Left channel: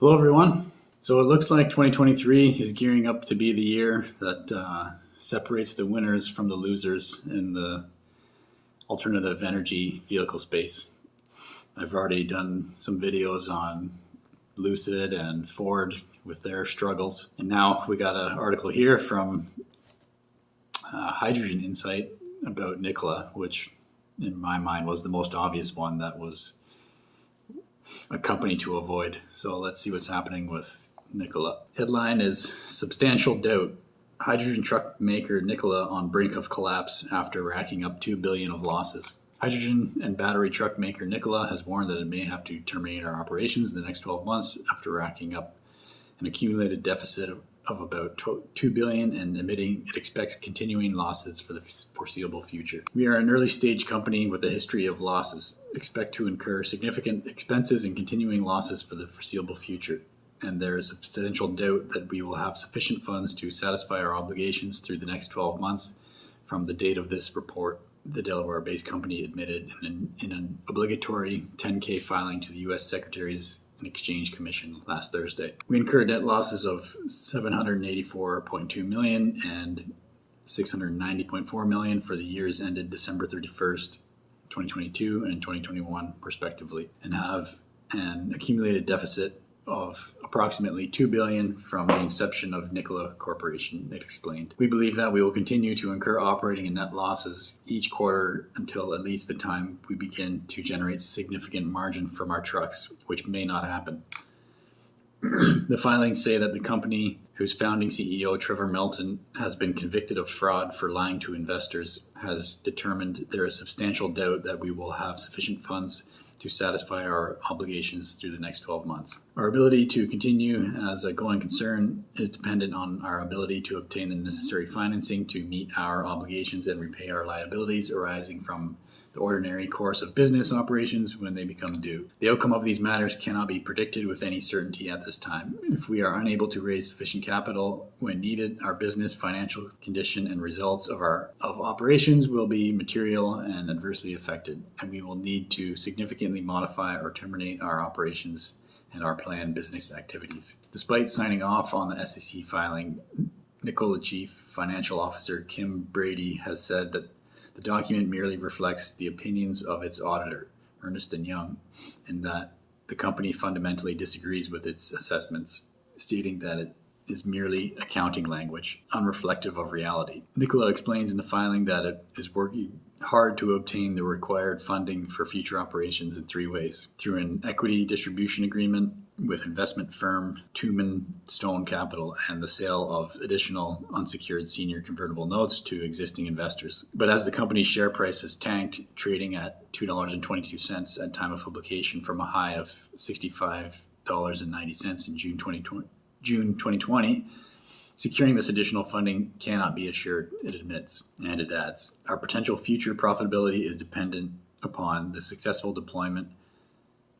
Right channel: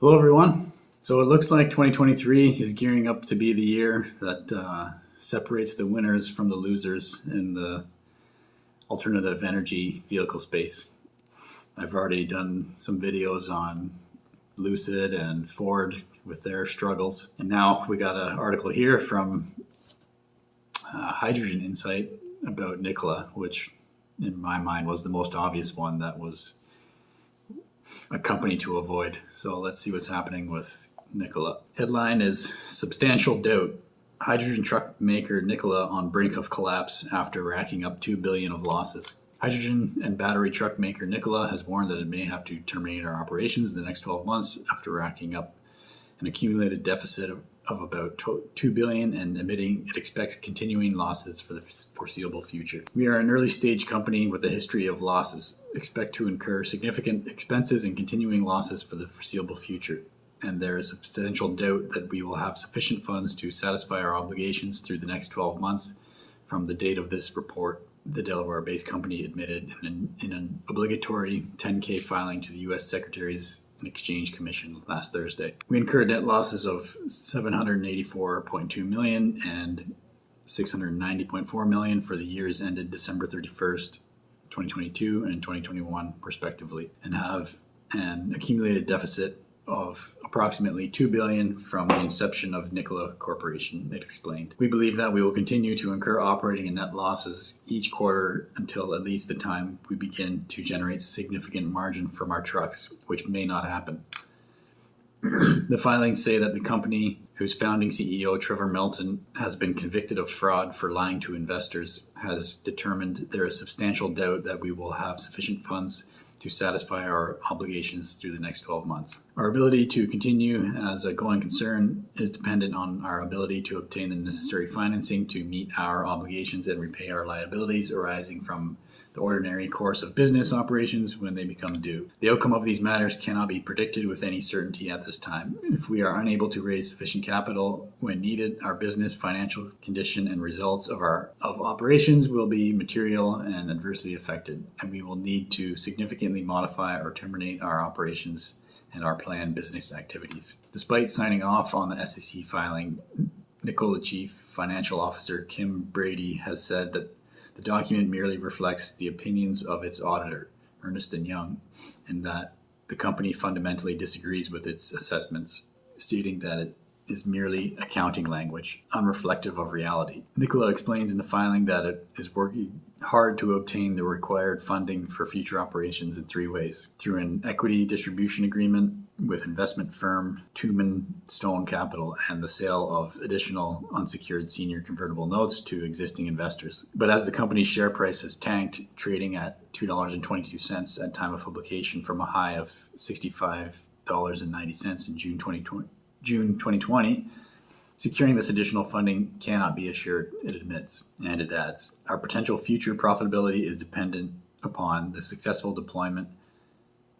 Hello, everyone. So it looks like 2023 is gearing up to be the year that separates the winners from the losers in the alternative energy vehicle space. I've already done some videos on Lucid and Ford with their struggles. And now we got an article here from Hydrogen Insight about Nikola, which in my mind was the most obvious one that was a company to avoid. So let's see what's happening with Nikola. Headline is Substantial Doubt. Hydrogen truck maker Nikola on brink of collapse after racking up $2 billion of losses. Hydrogen and battery truck maker Nikola has warned that it may have to terminate our operations in the next 12 months after racking up an accumulated deficit of about $2 billion and admitting it expects continuing losses for the foreseeable future. We are an early stage company with a history of losses, expect to incur significant expenses and continuing losses for the foreseeable future, and there is substantial doubt that we will have sufficient funds to satisfy our obligations through the next 12 months from the date of this report. The Delaware-based company admitted in an obligatory 10-K filing to the U.S. Secretary's and Exchange Commission last Thursday. We incurred net losses of $784.2 million and $690.4 million for the years ended December 31st, 2022 and 2021, respectively, and have an accumulated deficit of approximately $2 billion from the inception of Nikola Corporation, it explained. We believe that we will continue to incur operating and net losses each quarter until at least the time we begin to generate significant margin from our trucks, which may not happen. The filings say that the company, whose founding CEO, Trevor Milton, has been convicted of fraud for lying to investors, has determined there is substantial doubt that we will have sufficient funds to satisfy our obligations through the next 12 months. Our ability to continue as a going concern is dependent on our ability to obtain the necessary financing to meet our obligations and repay our liabilities arising from the ordinary course of business operations when they become due. The outcome of these matters cannot be predicted with any certainty at this time. If we are unable to raise sufficient capital when needed, our business, financial condition, and results of operations will be material and adversely affected, and we will need to significantly modify or terminate our operations and our planned business activities. Despite signing off on the SEC filing, Nikola Chief Financial Officer Kim Brady has said that the document merely reflects the opinions of its auditor, Ernst & Young, and that the company fundamentally disagrees with its assessments, stating that it is merely accounting language, unreflective of reality. Nikola explains in the filing that it is working hard to obtain the required funding for future operations in three ways: through an equity distribution agreement with investment firm Tumen Stone Capital and the sale of additional unsecured senior convertible notes to existing investors. But as the company's share price has tanked, trading at $2.22 at time of publication from a high of $65.90 in June 2020, securing this additional funding cannot be assured, it admits, and it adds, our potential future profitability is dependent upon the successful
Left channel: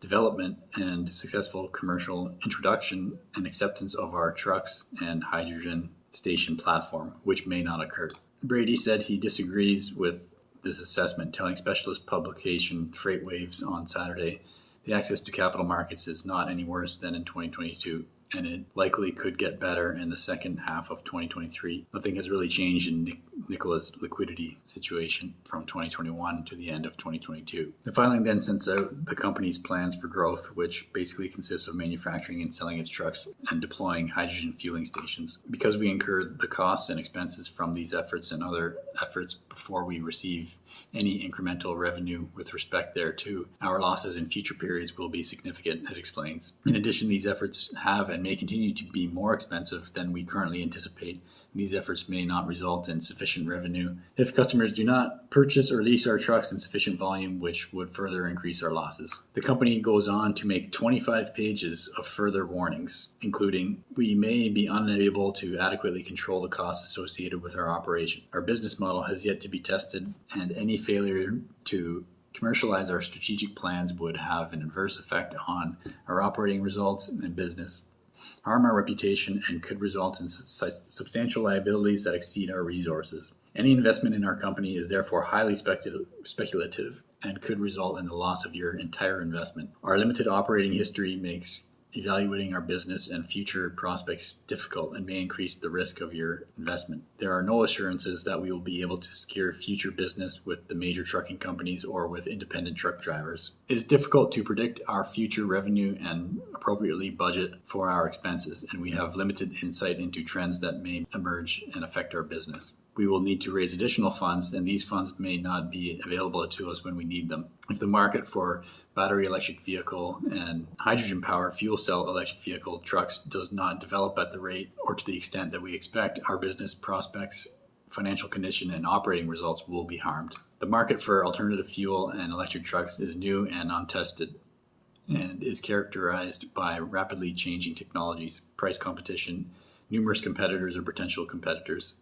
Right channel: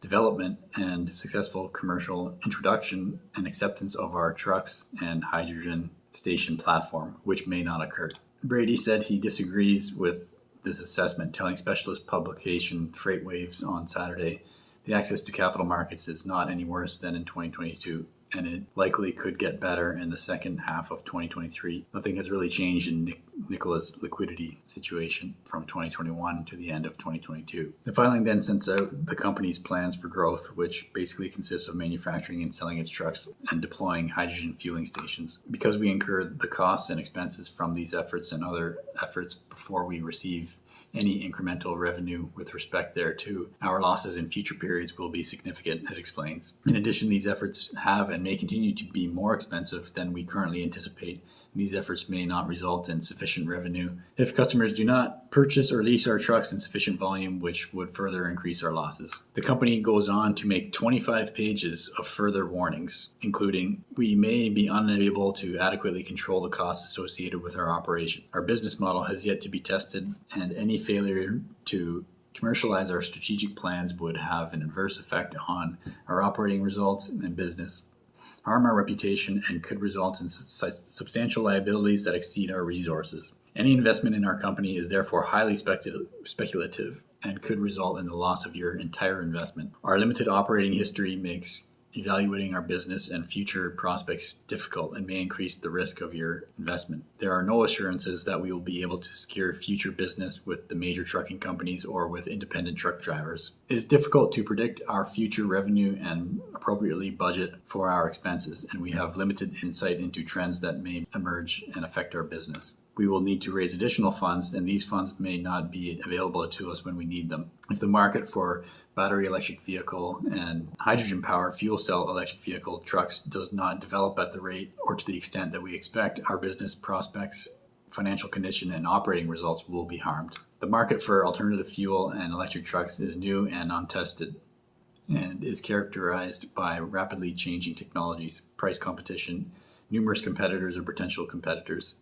development and successful commercial introduction and acceptance of our trucks and hydrogen station platform, which may not occur. Brady said he disagrees with this assessment, telling specialist publication FreightWaves on Saturday the access to capital markets is not any worse than in 2022. And it likely could get better in the second half of 2023. Nothing has really changed in Nikola's liquidity situation from 2021 to the end of 2022. The filing then sets out the company's plans for growth, which basically consists of manufacturing and selling its trucks and deploying hydrogen fueling stations. Because we incurred the costs and expenses from these efforts and other efforts before we receive any incremental revenue with respect thereto, our losses in future periods will be significant, it explains. In addition, these efforts have and may continue to be more expensive than we currently anticipate. These efforts may not result in sufficient revenue if customers do not purchase or lease our trucks in sufficient volume, which would further increase our losses. The company goes on to make 25 pages of further warnings, including, we may be unable to adequately control the costs associated with our operation. Our business model has yet to be tested, and any failure to commercialize our strategic plans would have an adverse effect on our operating results and business, harm our reputation, and could result in substantial liabilities that exceed our resources. Any investment in our company is therefore highly speculative and could result in the loss of your entire investment. Our limited operating history makes evaluating our business and future prospects difficult and may increase the risk of your investment. There are no assurances that we will be able to secure future business with the major trucking companies or with independent truck drivers. It is difficult to predict our future revenue and appropriately budget for our expenses, and we have limited insight into trends that may emerge and affect our business. We will need to raise additional funds, and these funds may not be available to us when we need them. If the market for battery electric vehicle and hydrogen powered fuel cell electric vehicle trucks does not develop at the rate or to the extent that we expect, our business prospects, financial condition, and operating results will be harmed. The market for alternative fuel and electric trucks is new and untested and is characterized by rapidly changing technologies, price competition, numerous competitors or potential competitors,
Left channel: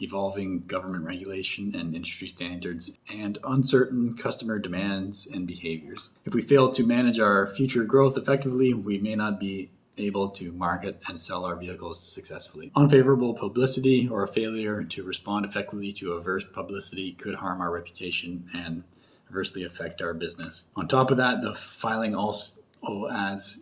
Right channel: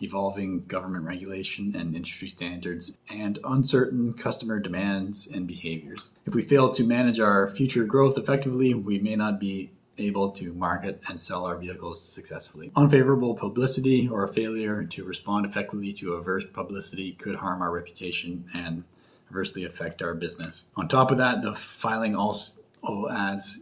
evolving government regulation and industry standards, and uncertain customer demands and behaviors. If we fail to manage our future growth effectively, we may not be able to market and sell our vehicles successfully. Unfavorable publicity or a failure to respond effectively to adverse publicity could harm our reputation and adversely affect our business. On top of that, the filing also adds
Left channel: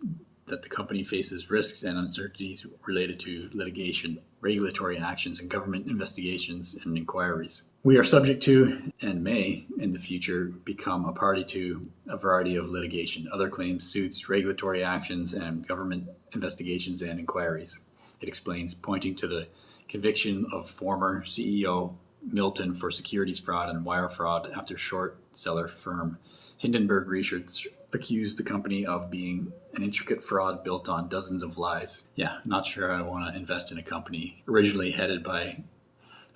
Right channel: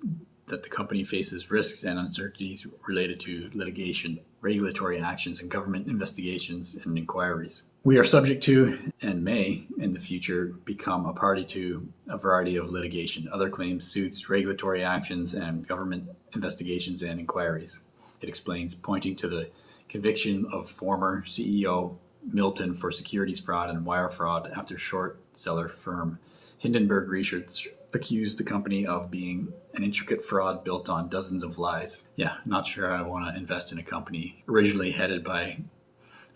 that the company faces risks and uncertainties related to litigation, regulatory actions, and government investigations and inquiries. We are subject to and may, in the future, become a party to a variety of litigation, other claims, suits, regulatory actions, and government investigations and inquiries. It explains, pointing to the conviction of former CEO Milton for securities fraud and wire fraud after short seller firm Hindenburg Research accused the company of being an intricate fraud built on dozens of lies. Yeah, not sure I want to invest in a company originally headed by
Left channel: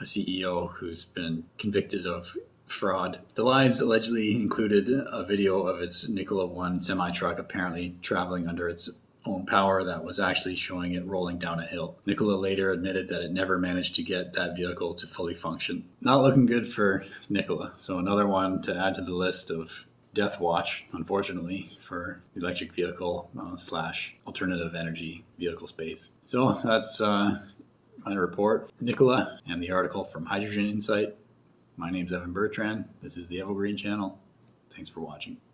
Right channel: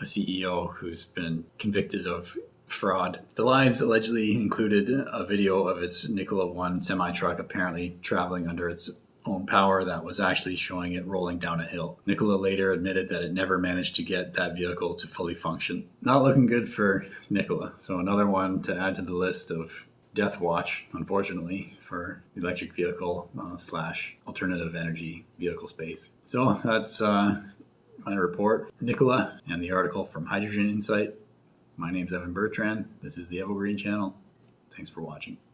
a CEO who's been convicted of fraud. The lies allegedly included a video of its Nikola 1 semi-truck apparently traveling under its own power that was actually showing it rolling down a hill. Nikola later admitted that it never managed to get that vehicle to fully function. Not looking good for Nikola. So another one to add to the list of Deathwatch, unfortunately, for the electric vehicle slash alternative energy vehicle space. So that's my report, Nikola, and the article from Hydrogen Insight. My name's Evan Bertrand. This is the Evergreen Channel. Thanks for watching.